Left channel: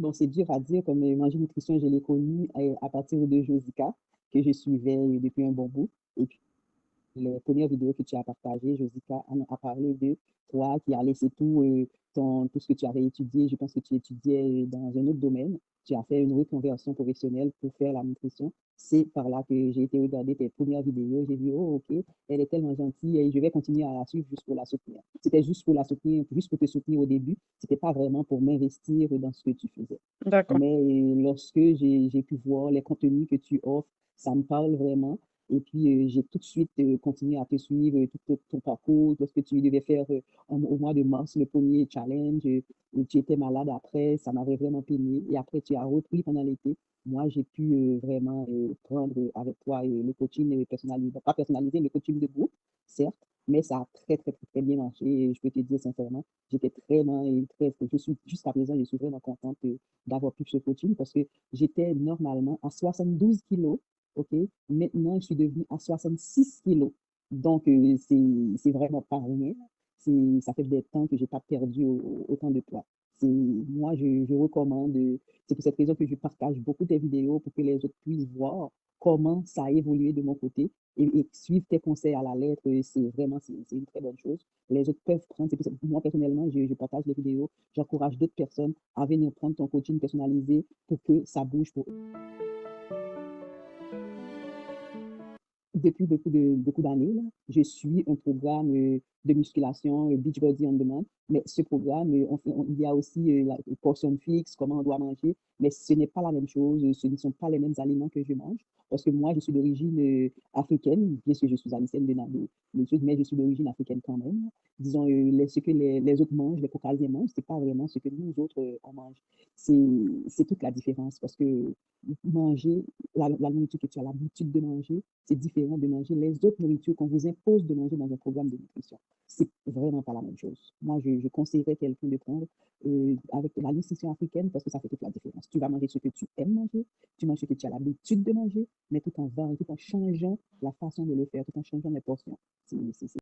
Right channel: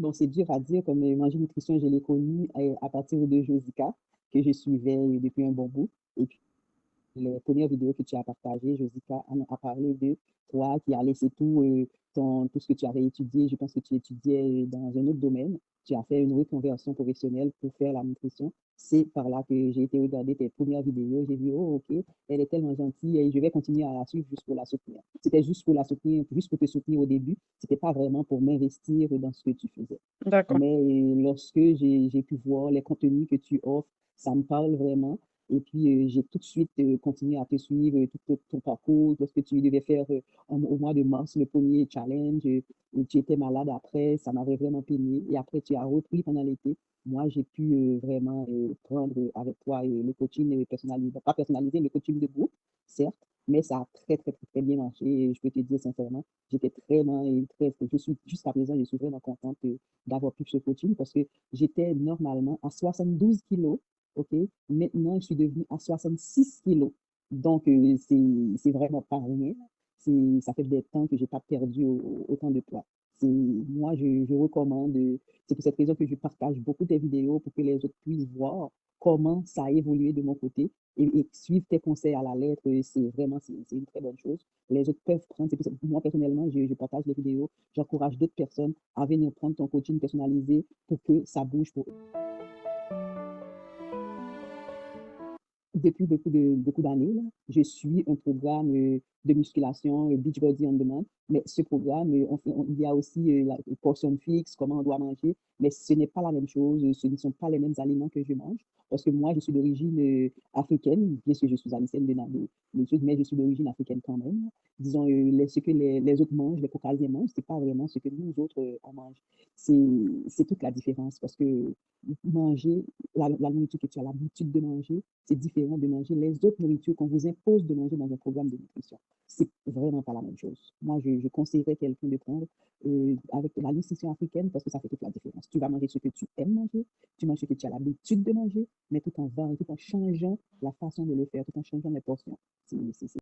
Donc, c'est dur à dire, comme Manger Nutrition, je l'ai connu à partir de Josica, que je suivais depuis un bon bout. Et puis, la première vidéo que tu as partagée, Josica en a parlé de toi qui as laissé tout ce que tu avais étudié. Je pense que tu étudiais dans un autre domaine. Tu as fait une reconversion professionnelle pour faire la nutrition. C'est par là que j'ai été regarder tes premières vidéos. J'ai vu, oh, ok, elle est tellement gentille et je vais continuer à la suivre juste pour la soutenir. C'était juste pour la soutenir, juste pour te soutenir au début. C'était pas vraiment pour m'investir dans ce que tu faisais. D'accord. Mais lorsque j'ai pu voir les contenus que tu offres, ça me parle vraiment. Et puis, j'ai tout de suite continué à te suivre, tout ton parcours, lorsque tu devais faire au mois de mars le premier challenge, et tu étais malade après, ça m'avait vraiment peiné. Et après, tu as repris pendant l'été. Moi, j'ai pu vraiment prendre avec toi le coaching personnalisé, pas personnalisé, le coaching de groupe, certes, mais ça a très, très, très, très bien marché. Et je peux te dire sincèrement, j'étais vraiment, je suis, jusqu'à présent, je suis vraiment contente d'avoir pu ce coaching parce que j'étais normalement à 72 kilos. OK? Maintenant, je suis devenue à 66 kilos. Donc, c'est vraiment pas rien. Ça fait des temps que j'ai pas perdu autant de poids. Moi, je recommande, c'est pour cette raison que je partage beaucoup tes vidéos pour que les autres puissent voir comment ça a évolué de mon côté et suivre tes conseils à la lettre. C'est une très bonne chose. Les autres peuvent prendre, moi personnellement, je partage les vidéos, j'encourage d'autres personnes à venir prendre ton coaching personnalisé pour que ça bouge pour eux. Depuis beaucoup d'années, là, je suis un programme de musculation Beachbody on Demand. Mais ce programme, il y a aussi la portion fixe, comment on doit manger. Mais ce n'est pas la même chose, ce ne sont pas les mêmes aliments que je mange. Parce que moi, je suis d'origine africaine, bien sûr, je suis haïtienne de sud, mais je suis d'origine africaine quand même. Disons, ce que les autres mangent, les Caucasiens mangent, c'est pas vraiment ce que nous autres, on mange. C'est toute la différence parce que manger, la nourriture que tu as l'habitude de manger, c'est différent de manger les autres nourritures qu'on vous impose de manger dans un programme de nutrition. C'est vraiment pas la même chose. Moi, je conseillerais quelqu'un de prendre avec la nutrition africaine parce que ça fait toute la différence. Tu vas manger ce que tu aimes manger, tu manges ce que tu as l'habitude de manger, mais tout en changeant la façon de le faire, tout en changeant les portions. C'est